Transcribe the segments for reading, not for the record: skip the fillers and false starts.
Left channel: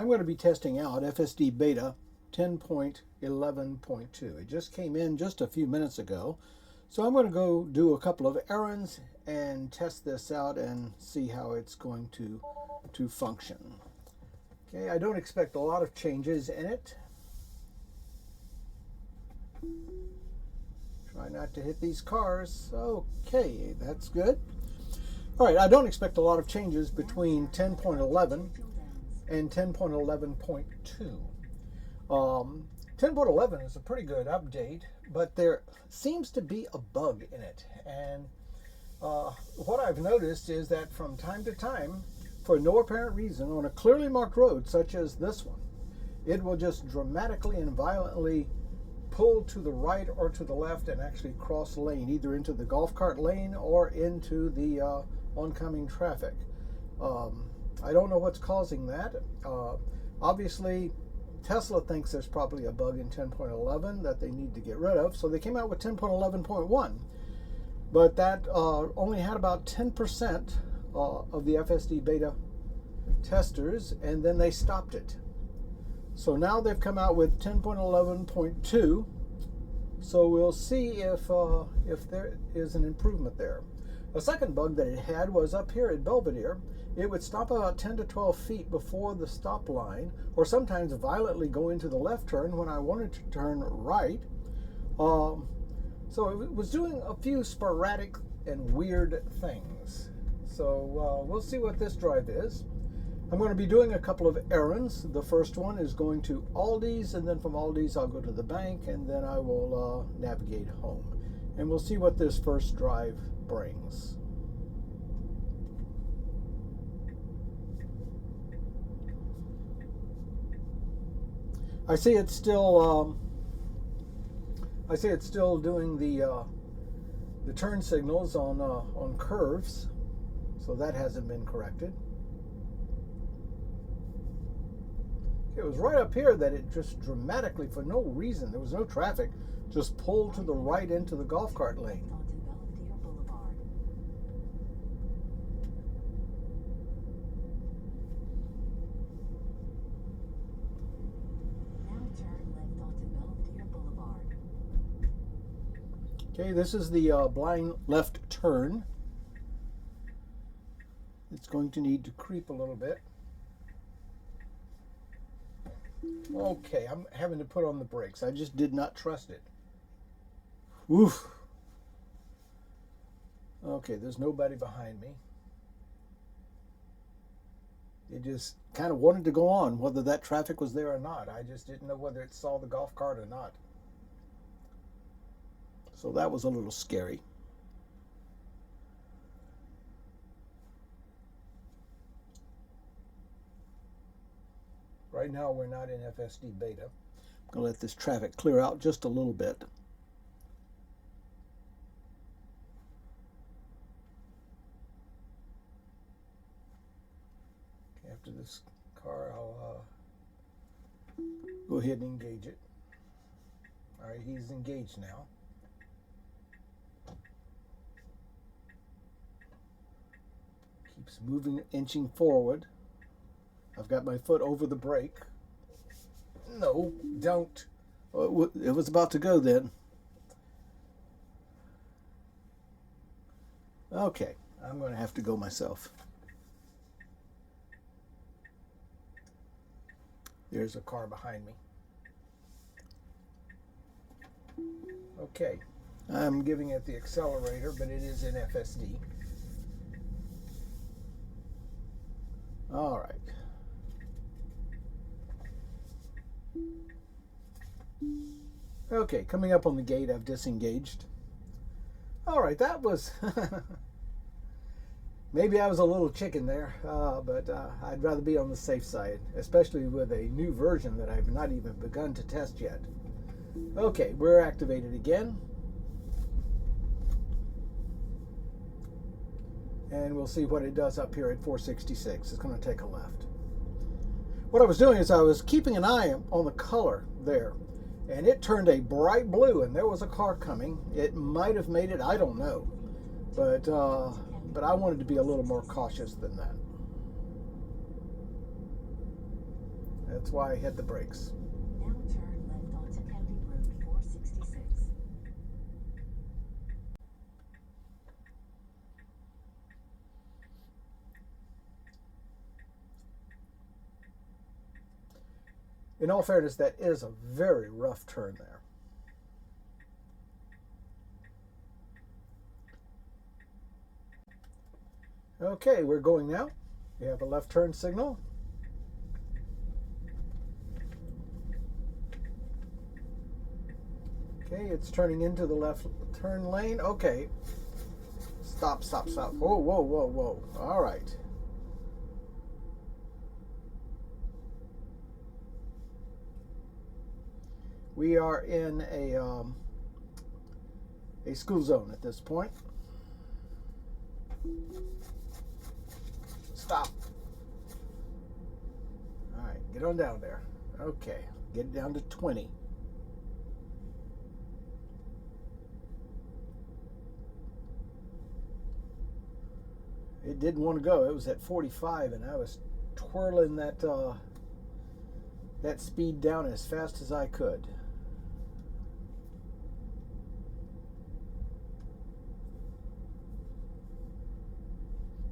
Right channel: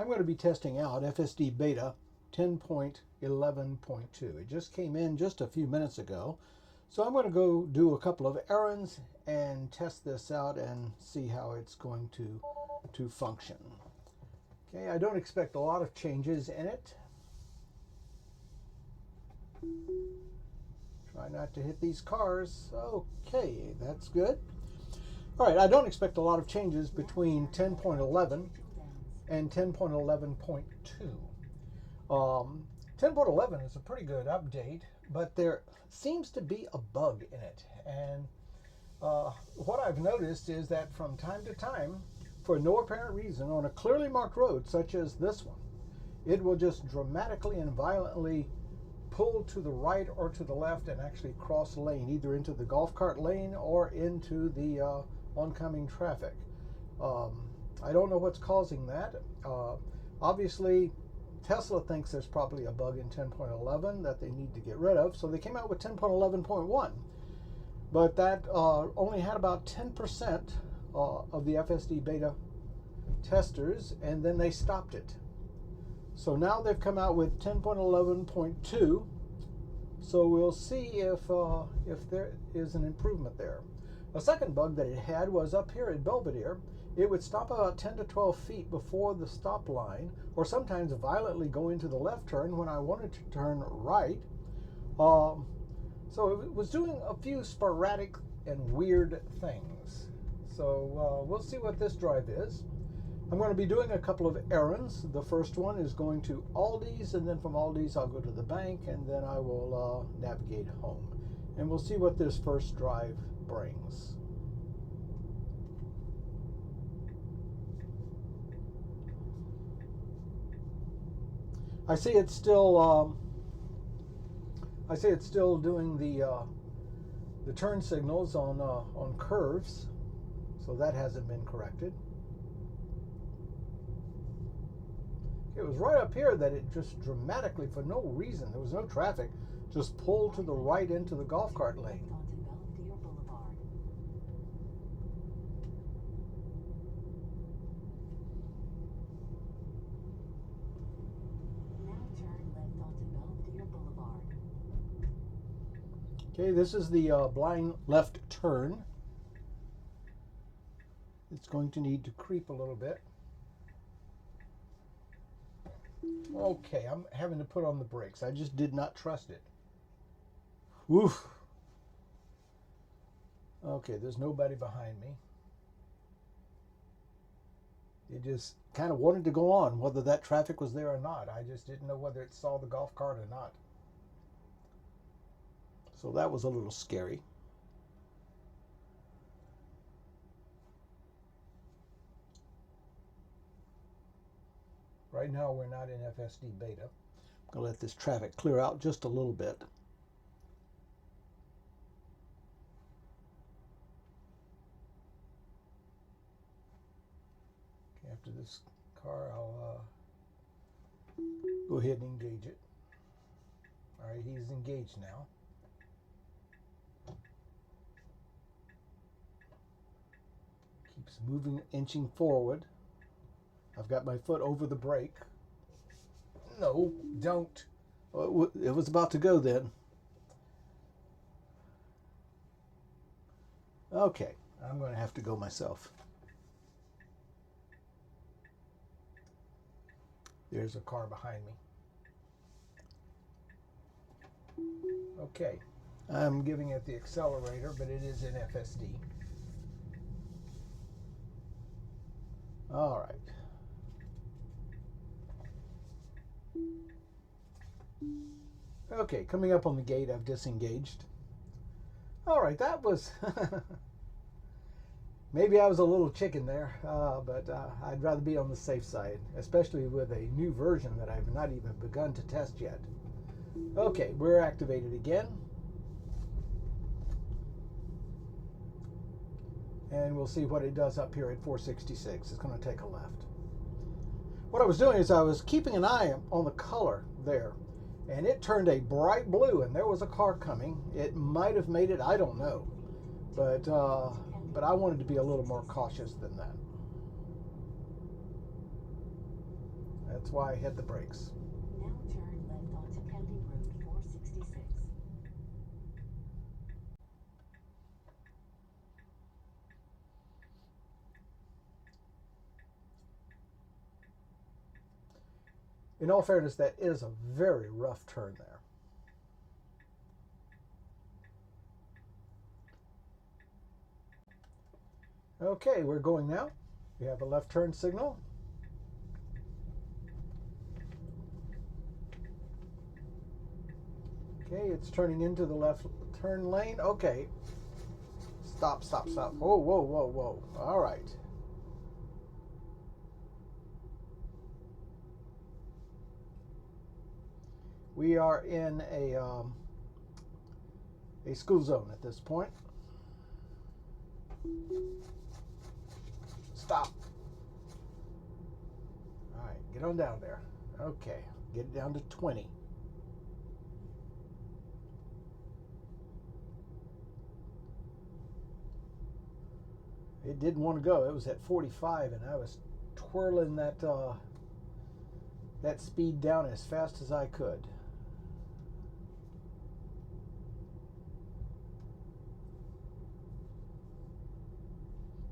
I'm going to be testing out FSD Beta 10.11.2. It just came in just a few minutes ago. So I'm going to go do a couple of errands and test this out and see how it's going to function. Okay, I don't expect a lot of changes in it. Try not to hit these cars. Okay, that's good. All right, I don't expect a lot of changes between 10.11 and 10.11.2. 10.11 is a pretty good update, but there seems to be a bug in it. And what I've noticed is that from time to time, for no apparent reason, on a clearly marked road such as this one, it will just dramatically and violently pull to the right or to the left and actually cross lane, either into the golf cart lane or into the oncoming traffic. I don't know what's causing that. Obviously, Tesla thinks there's probably a bug in 10.11 that they need to get rid of, so they came out with 10.11.1. But that only had about 10% of the FSD Beta testers, and then they stopped it. So now they've come out with 10.11.2. So we'll see if there is an improvement there. A second bug that it had was up here at Belvedere. It would stop about 10 to 12 feet before the stop line, or sometimes violently go into the left turn when I wanted to turn right. So it was doing a few sporadic and weird things. So we'll see what this drive is. I'm going to be doing a couple of errands. The first one is going to Aldi's, and then from Aldi's I'll go to the bank, and then I will navigate home. And we'll see what this first drive brings. I see it's still doing the turn signals on curves, so that hasn't been corrected. It was right up here that it just dramatically, for no reason, there was no traffic, just pulled to the right into the golf cart lane. Okay, this is the blind left turn. It's going to need to creep a little bit. Okay, I'm having to put on the brakes. I just did not trust it. Oof. Okay, there's nobody behind me. It just kind of wanted to go on, whether that traffic was there or not. I just didn't know whether it saw the golf cart or not. So that was a little scary. Right now we're not in FSD Beta. I'm going to let this traffic clear out just a little bit. Okay, after this car, I'll go ahead and engage it. All right, he's engaged now. Keeps moving, inching forward. I've got my foot over the brake. No, don't. It was about to go then. Okay, I'm going to have to go myself. There's a car behind me. Okay, I'm giving it the accelerator, but it is in FSD. All right. Okay, coming up on the gate, I've disengaged. All right, that was... Maybe I was a little chicken there, but I'd rather be on the safe side, especially with a new version that I've not even begun to test yet. Okay, we're activated again. And we'll see what it does up here at 466. It's going to take a left. What I was doing is I was keeping an eye on the color there, and it turned a bright blue, and there was a car coming. It might have made it, I don't know, but I wanted to be a little more cautious than that. That's why I hit the brakes. Now turn left onto County Road 466. In all fairness, that is a very rough turn there. Okay, we're going now. We have a left turn signal. Okay, it's turning into the left turn lane. Okay. Stop, stop, stop. Whoa, whoa, whoa, whoa. All right. We are in a school zone at this point. Stop. All right, get on down there. Okay, get it down to 20. It didn't want to go. It was at 45, and I was twirling that speed down as fast as I could.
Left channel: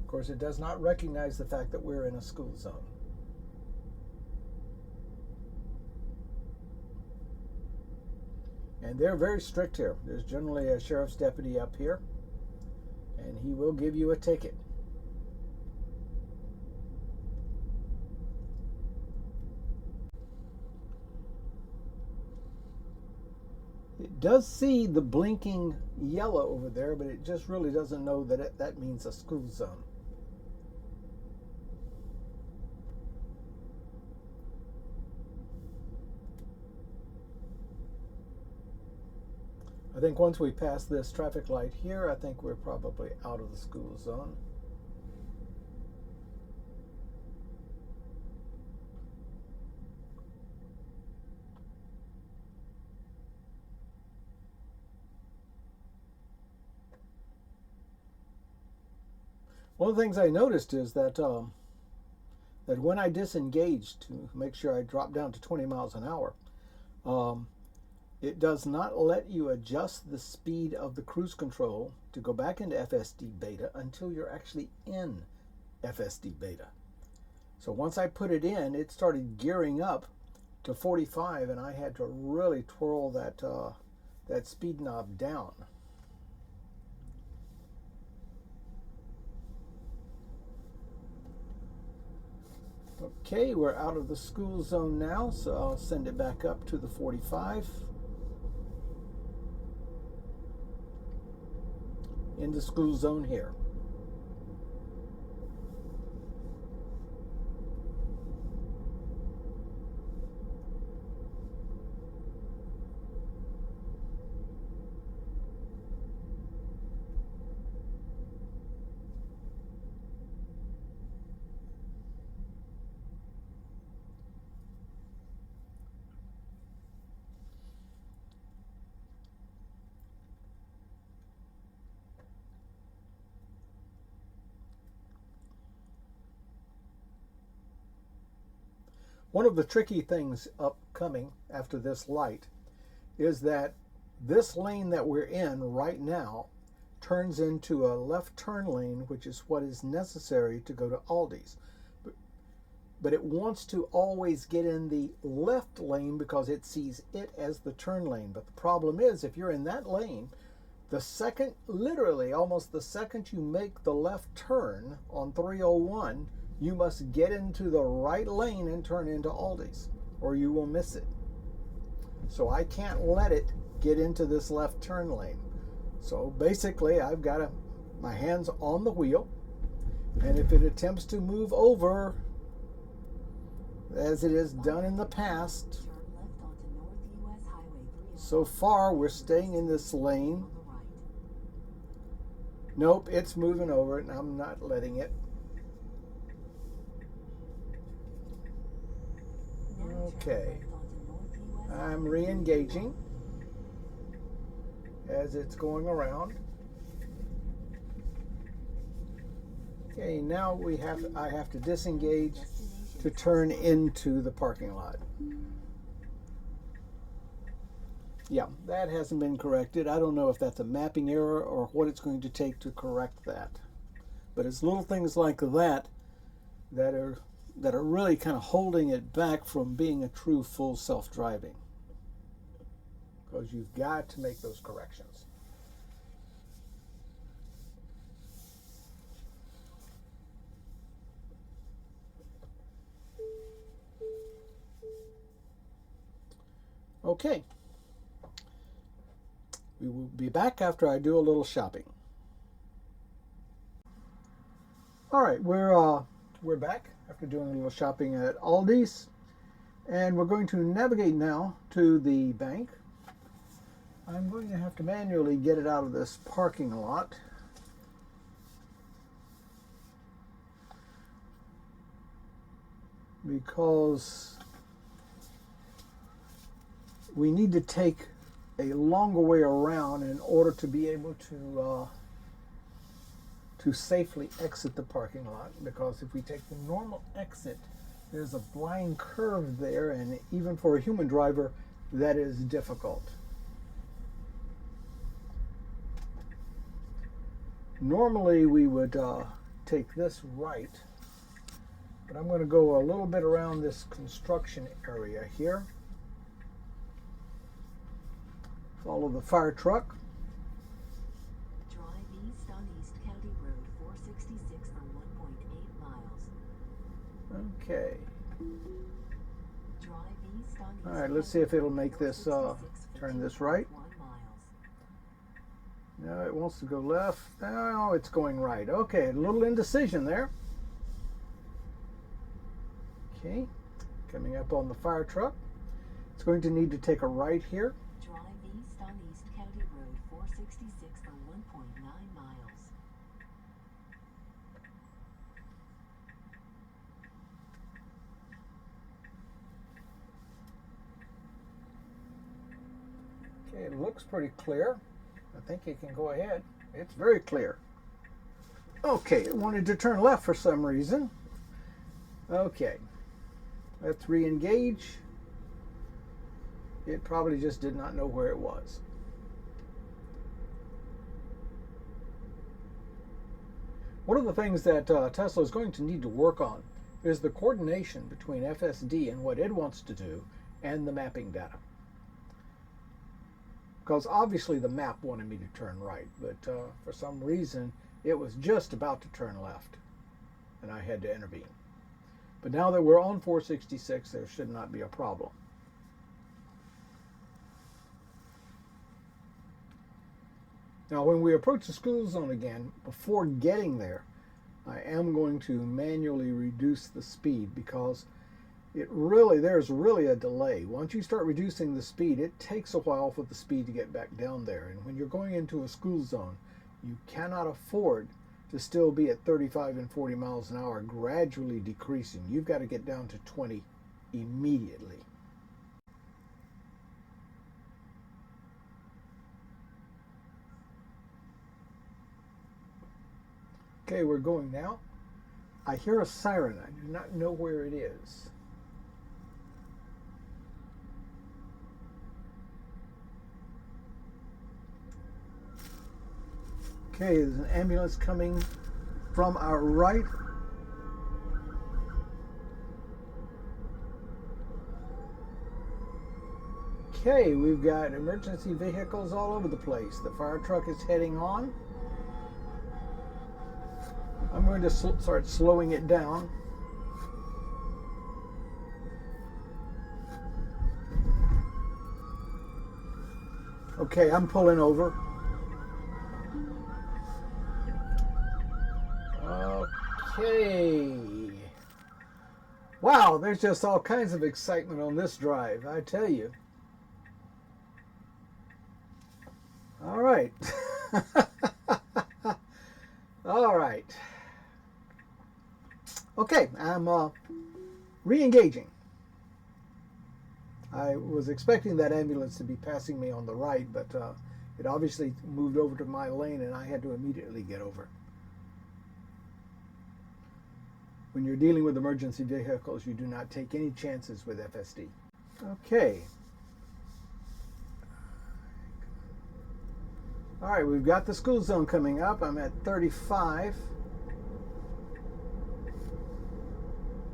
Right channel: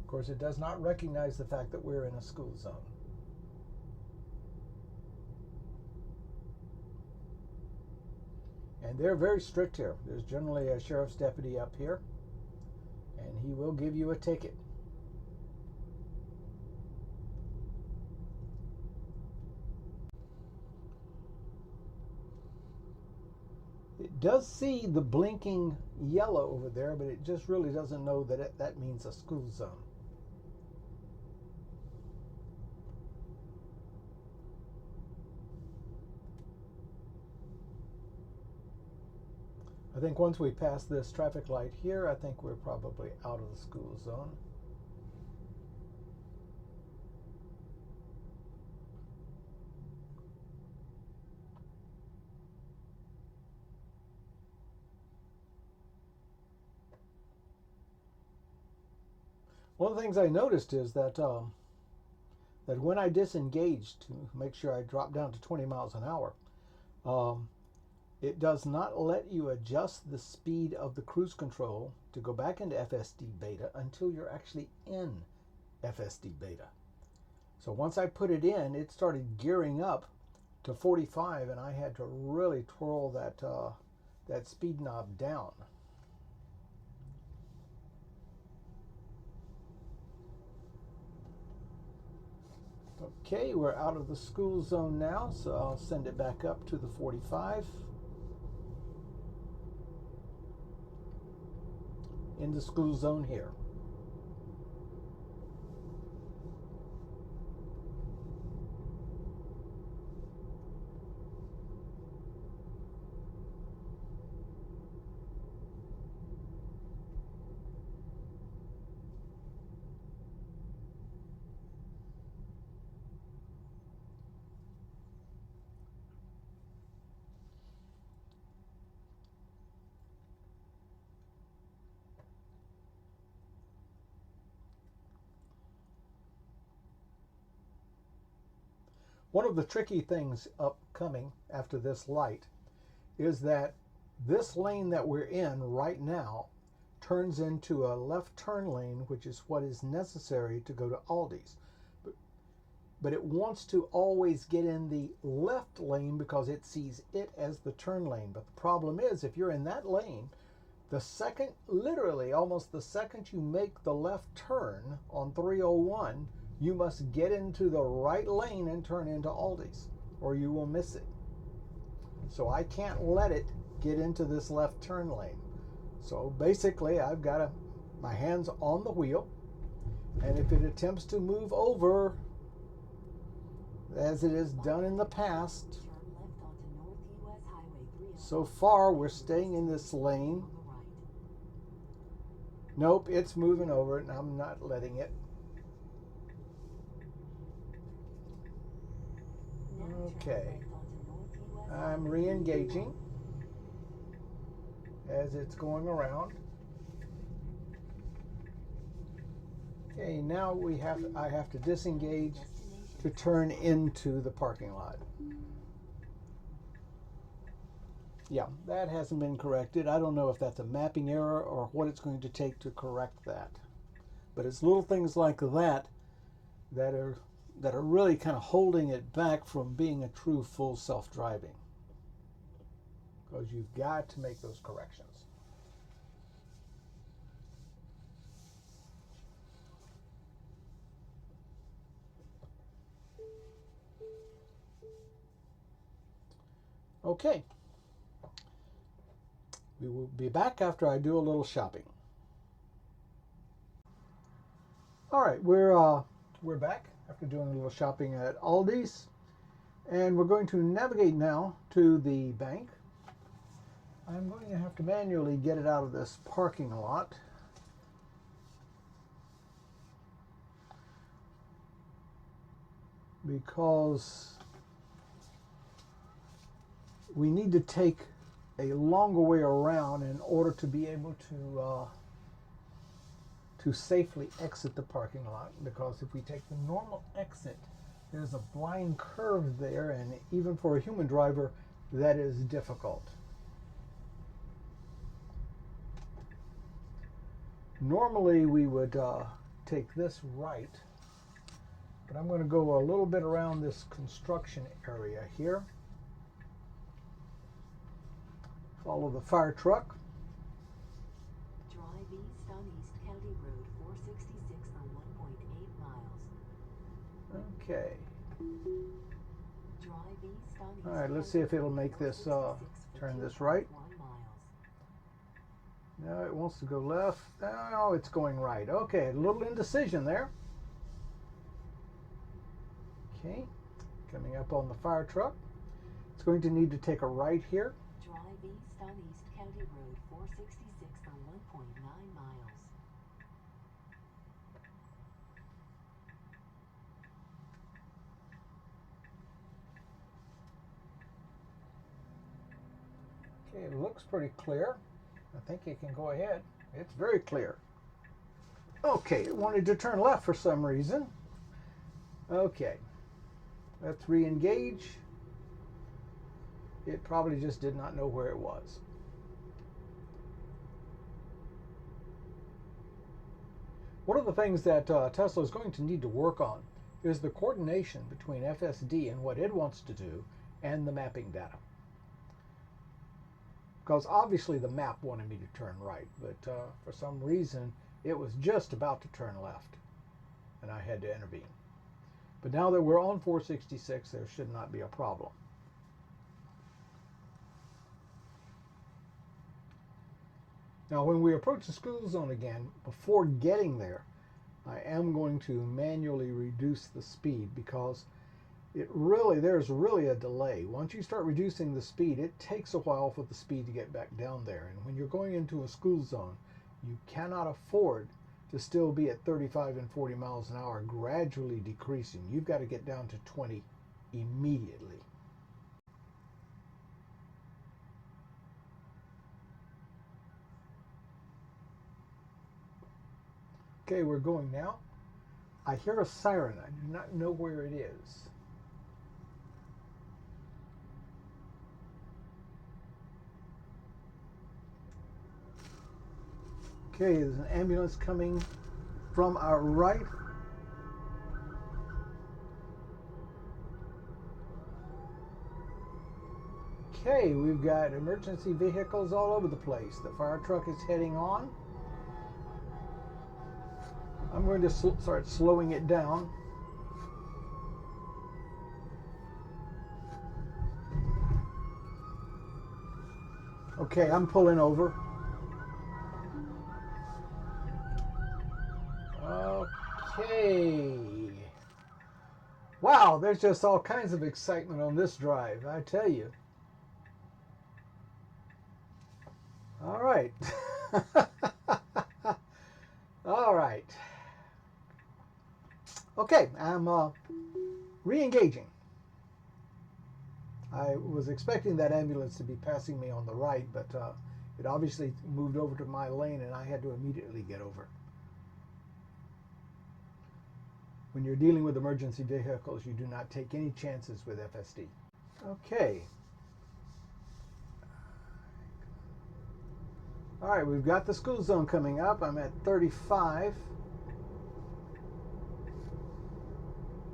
Of course, it does not recognize the fact that we're in a school zone. And they're very strict here. There's generally a sheriff's deputy up here, and he will give you a ticket. It does see the blinking yellow over there, but it just really doesn't know that that means a school zone. I think once we pass this traffic light here, I think we're probably out of the school zone. One of the things I noticed is that that when I disengaged to make sure I drop down to 20 miles an hour, it does not let you adjust the speed of the cruise control to go back into FSD Beta until you're actually in FSD Beta. So once I put it in, it started gearing up to 45, and I had to really twirl that speed knob down. Okay, we're out of the school zone now, so I'll send it back up to the 45. In the school zone here. One of the tricky things upcoming after this light is that this lane that we're in right now turns into a left turn lane, which is what is necessary to go to Aldi's. But it wants to always get in the left lane because it sees it as the turn lane. But the problem is, if you're in that lane, the second, literally almost the second you make the left turn on 301, you must get into the right lane and turn into Aldi's, or you will miss it. So I can't let it get into this left turn lane. So basically, I've got my hands on the wheel, and if it attempts to move over, as it has done in the past, so far we're staying in this lane. Nope, it's moving over, and I'm not letting it. Okay, I'm re-engaging as it's going around. Okay, now I have to disengage to turn into the parking lot. Yeah, that hasn't been corrected. I don't know if that's a mapping error or what it's going to take to correct that. But it's little things like that that are really kind of holding it back from being a true full self-driving. Because you've got to make those corrections. Okay. We will be back after I do a little shopping. All right, we're back after doing a little shopping at Aldi's, and we're going to navigate now to the bank. I'm going to have to manually get it out of this parking lot. Because we need to take a longer way around in order to be able to safely exit the parking lot. Because if we take the normal exit, there's a blind curve there, and even for a human driver, that is difficult. Normally we would take this right, but I'm going to go a little bit around this construction area here. Follow the fire truck. Drive east on East County Road 466 for 1.8 miles. Okay. Drive east on East All right, let's see if it'll make this turn this right. 1 miles. No, it wants to go left. No, it's going right. Okay, a little indecision there. Okay, coming up on the fire truck. It's going to need to take a right here. Drive east on East County Road 466 for 1.9 miles. Okay, it looks pretty clear. I think you can go ahead. It's very clear. Okay, it wanted to turn left for some reason. Okay, let's re-engage. It probably just did not know where it was. One of the things that Tesla is going to need to work on is the coordination between FSD and what it wants to do and the mapping data. Because obviously the map wanted me to turn right, but for some reason it was just about to turn left, and I had to intervene. But now that we're on 466, there should not be a problem. Now when we approach the school zone again, before getting there, I am going to manually reduce the speed because there's really a delay. Once you start reducing the speed, it takes a while for the speed to get back down there. And when you're going into a school zone, you cannot afford to still be at 35 and 40 miles an hour, gradually decreasing. You've got to get down to 20 immediately. Okay, we're going now. I hear a siren. I do not know where it is. Okay, there's an ambulance coming from our right. Okay, we've got emergency vehicles all over the place. The fire truck is heading on. I'm going to start slowing it down. Okay, I'm pulling over. Okay. Wow, there's just all kinds of excitement on this drive, I tell you. All right. All right. Okay, I'm re-engaging. I was expecting that ambulance to be passing me on the right, but it obviously moved over to my lane and I had to immediately get over. When you're dealing with emergency vehicles, you do not take any chances with FSD. Okay. All right, we've got the school zone coming up. I'm at 35.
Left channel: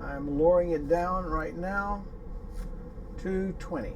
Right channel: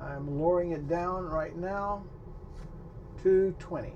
I'm lowering it down right now to 20.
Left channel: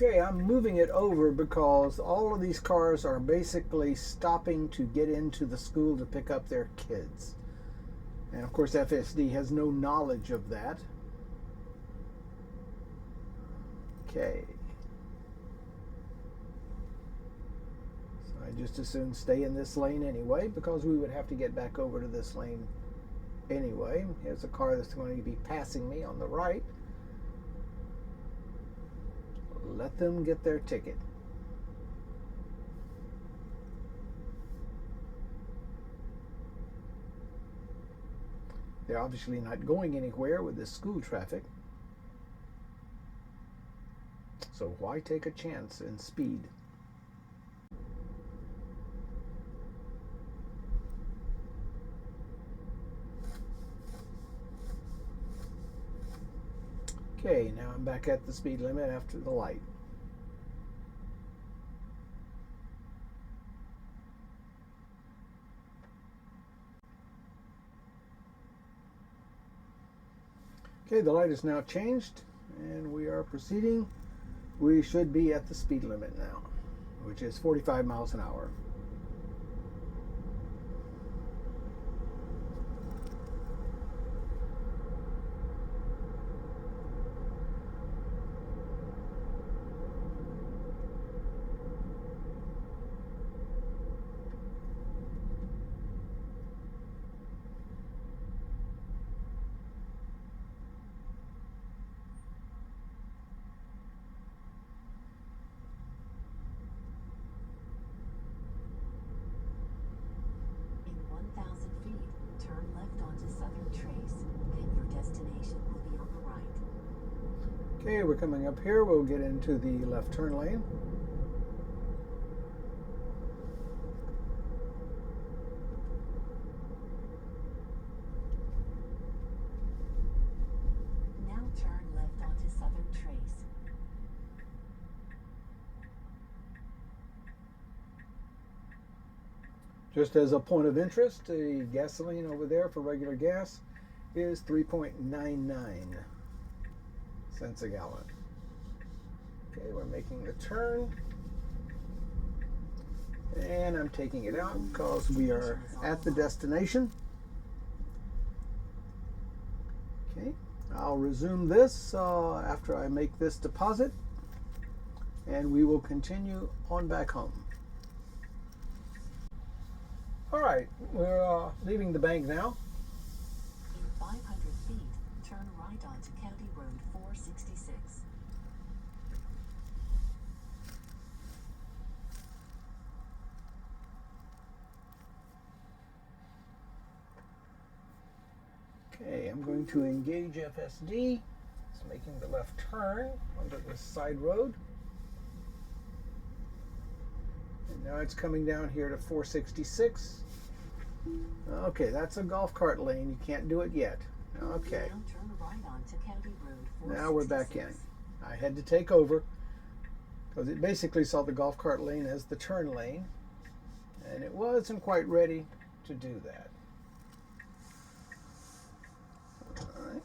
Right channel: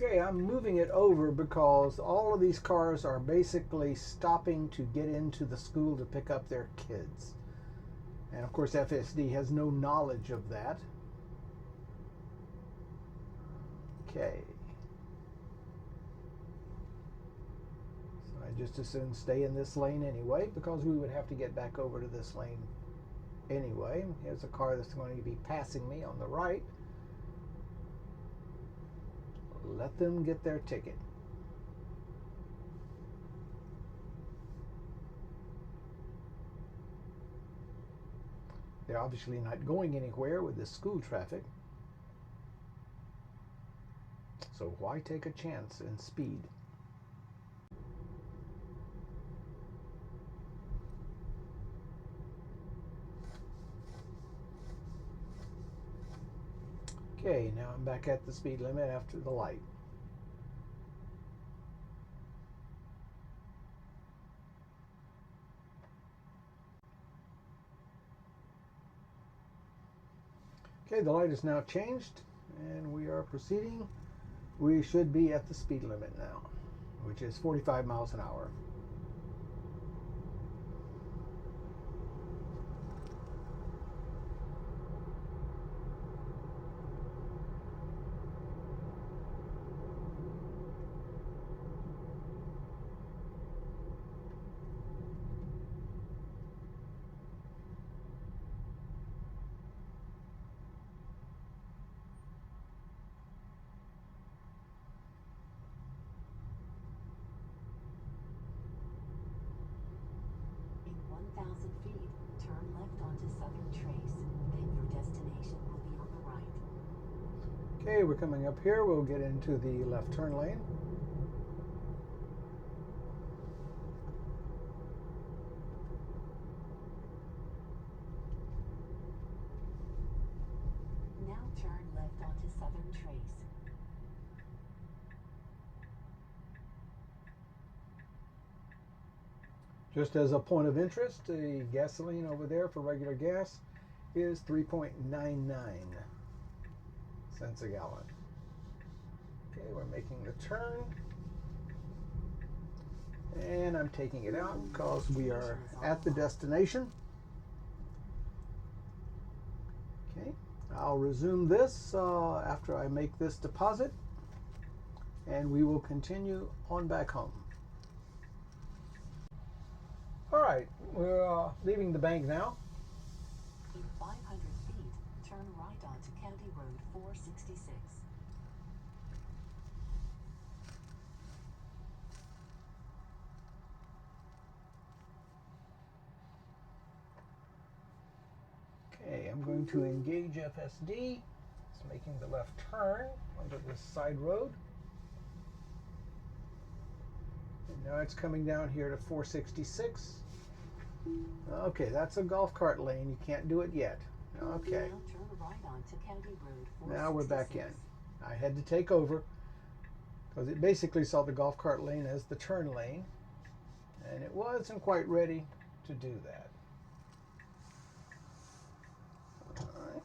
Okay, I'm moving it over because all of these cars are basically stopping to get into the school to pick up their kids. And of course FSD has no knowledge of that. Okay. So I just as soon stay in this lane anyway, because we would have to get back over to this lane anyway. Here's a car that's going to be passing me on the right. Let them get their ticket. They're obviously not going anywhere with this school traffic. So why take a chance in speed? Okay, now I'm back at the speed limit after the light. Okay, the light is now changed and we are proceeding. We should be at the speed limit now, which is 45 miles an hour. In 1,000 feet, turn left onto Southern Trace. Then your destination will be on the right. Okay, we're coming up here. We'll get into the left turn lane. Now turn left onto Southern Trace. Just as a point of interest, the gasoline over there for regular gas is 3.99 cents a gallon. Okay, we're making the turn. And I'm taking it out because we are at the destination. Okay, I'll resume this after I make this deposit. And we will continue on back home. All right, we're leaving the bank now. In 500 feet, turn right onto County Road 466. Okay, I'm going to engage FSD. It's making the left turn onto this side road. And now it's coming down here to 466. Okay, that's a golf cart lane. You can't do it yet. Okay, Now turn right onto County Road 466. now we're back in. I had to take over because it basically saw the golf cart lane as the turn lane, and it wasn't quite ready to do that. All right.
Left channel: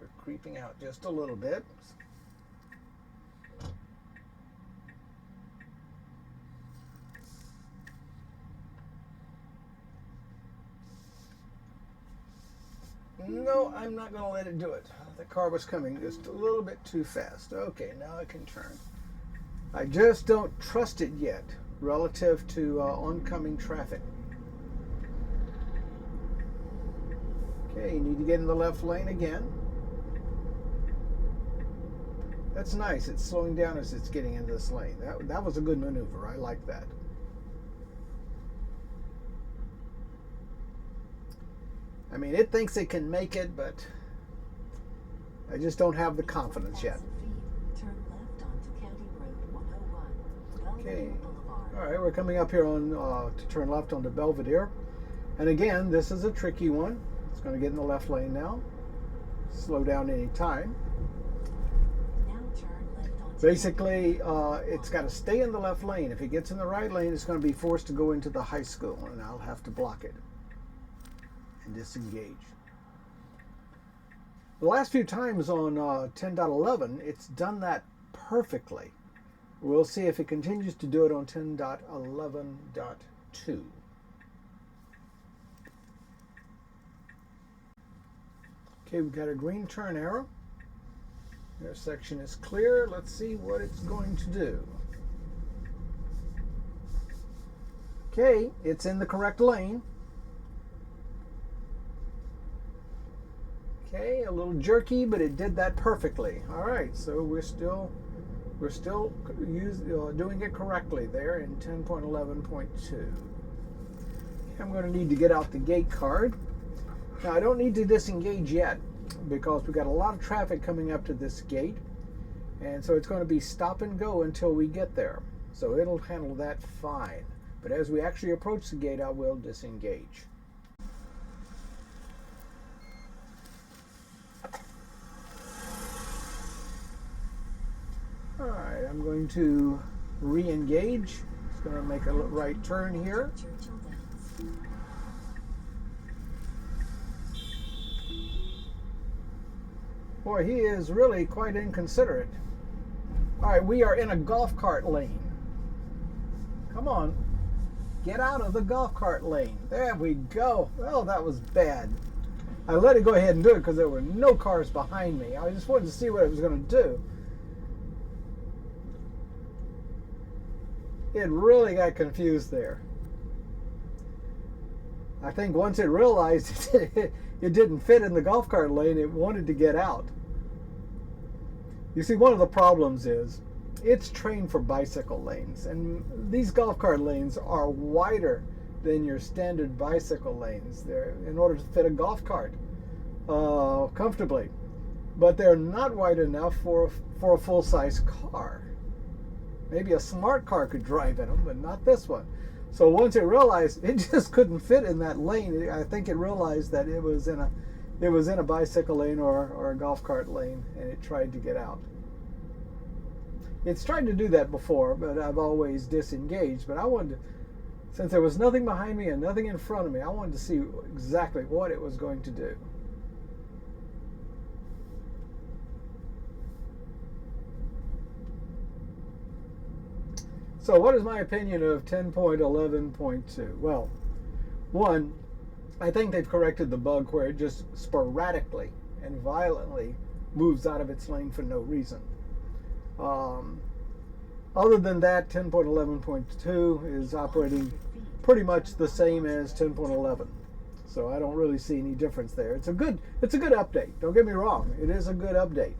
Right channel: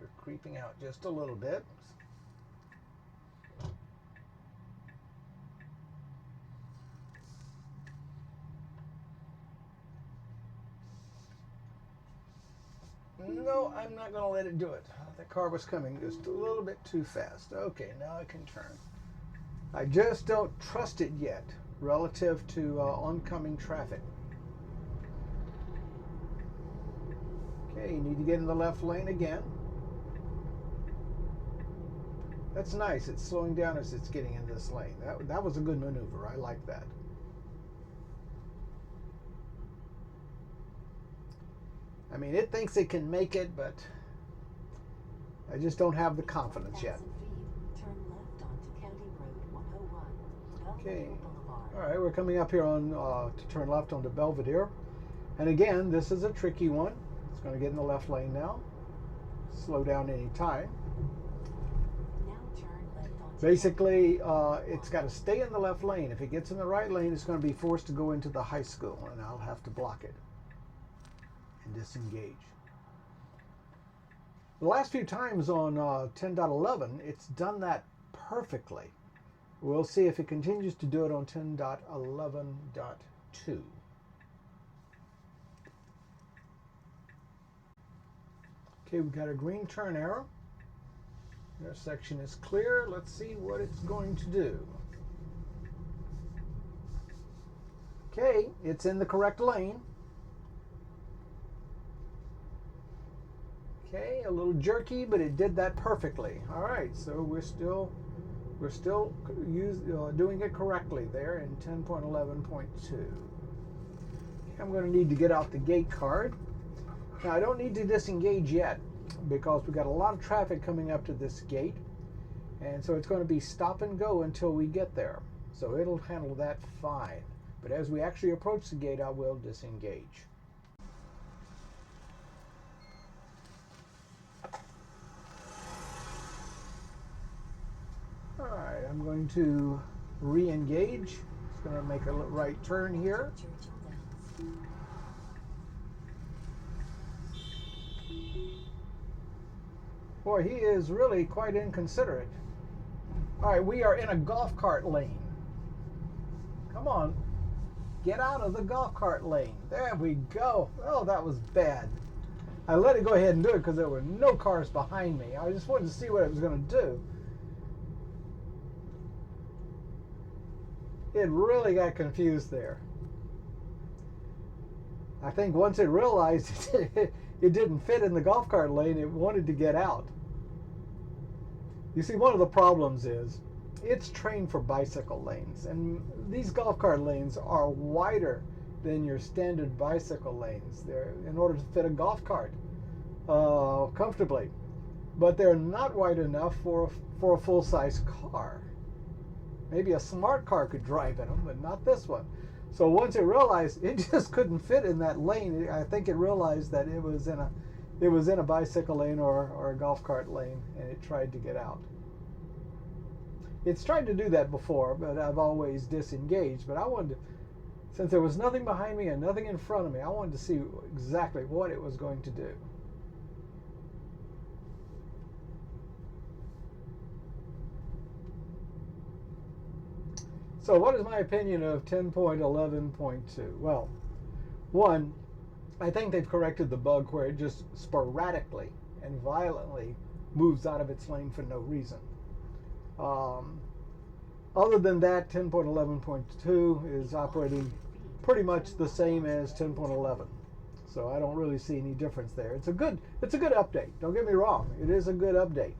We're creeping out just a little bit. No, I'm not going to let it do it. The car was coming just a little bit too fast. Okay, now I can turn. I just don't trust it yet relative to oncoming traffic. Okay, you need to get in the left lane again. That's nice. It's slowing down as it's getting into this lane. That was a good maneuver. I like that. I mean, it thinks it can make it, but I just don't have the confidence yet. Turn left onto County Road 101, Okay. Belvedere Boulevard. All right, we're coming up here on to turn left onto Belvedere. And again, this is a tricky one. It's going to get in the left lane now. Slow down any time. Now turn left onto Basically, it's got to stay in the left lane. If it gets in the right lane, it's going to be forced to go into the high school, and I'll have to block it and disengage. The last few times on 10.11, it's done that perfectly. We'll see if it continues to do it on 10.11.2. Okay, we've got a green turn arrow. Intersection is clear. Let's see what it's going to do. Okay, it's in the correct lane. Okay, a little jerky, but it did that perfectly. All right, so we're still doing it correctly there in 10.11.2. I'm going to need to get out the gate card. Now, I don't need to disengage yet because we've got a lot of traffic coming up to this gate, and so it's going to be stop and go until we get there. So it'll handle that fine. But as we actually approach the gate, I will disengage. All right, I'm going to re-engage. It's going to make a right turn here. Churchill Downs. Boy, he is really quite inconsiderate. All right, we are in a golf cart lane. Come on, get out of the golf cart lane. There we go. Oh, that was bad. I let it go ahead and do it because there were no cars behind me. I just wanted to see what it was going to do. It really got confused there. I think once it realized it didn't fit in the golf cart lane, it wanted to get out. You see, one of the problems is it's trained for bicycle lanes, and these golf cart lanes are wider than your standard bicycle lanes. They're in order to fit a golf cart comfortably, but they're not wide enough for a full-size car. Maybe a smart car could drive in them, but not this one. So once it realized it just couldn't fit in that lane, I think it realized that it was in a bicycle lane or a golf cart lane, and it tried to get out. It's tried to do that before, but I've always disengaged. But I wanted to, since there was nothing behind me and nothing in front of me, I wanted to see exactly what it was going to do. So what is my opinion of 10.11.2? Well, one, I think they've corrected the bug where it just sporadically and violently moves out of its lane for no reason. Other than that, 10.11.2 is operating pretty much the same as 10.11. So I don't really see any difference there. It's a good update. Don't get me wrong. It is a good update.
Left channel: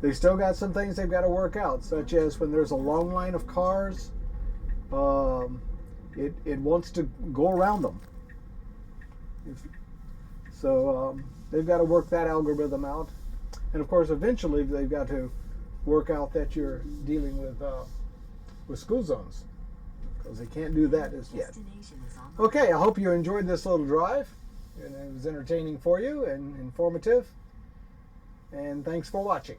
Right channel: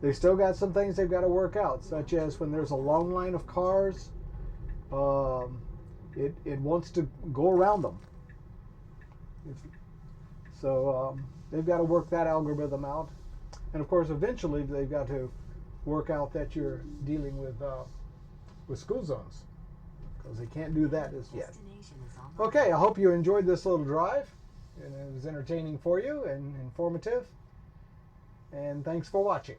They still got some things they've got to work out, such as when there's a long line of cars, it wants to go around them. So they've got to work that algorithm out. And of course, eventually they've got to work out that you're dealing with school zones, because they can't do that as yet. Destination is on the Okay, I hope you enjoyed this little drive, and it was entertaining for you and informative. And thanks for watching.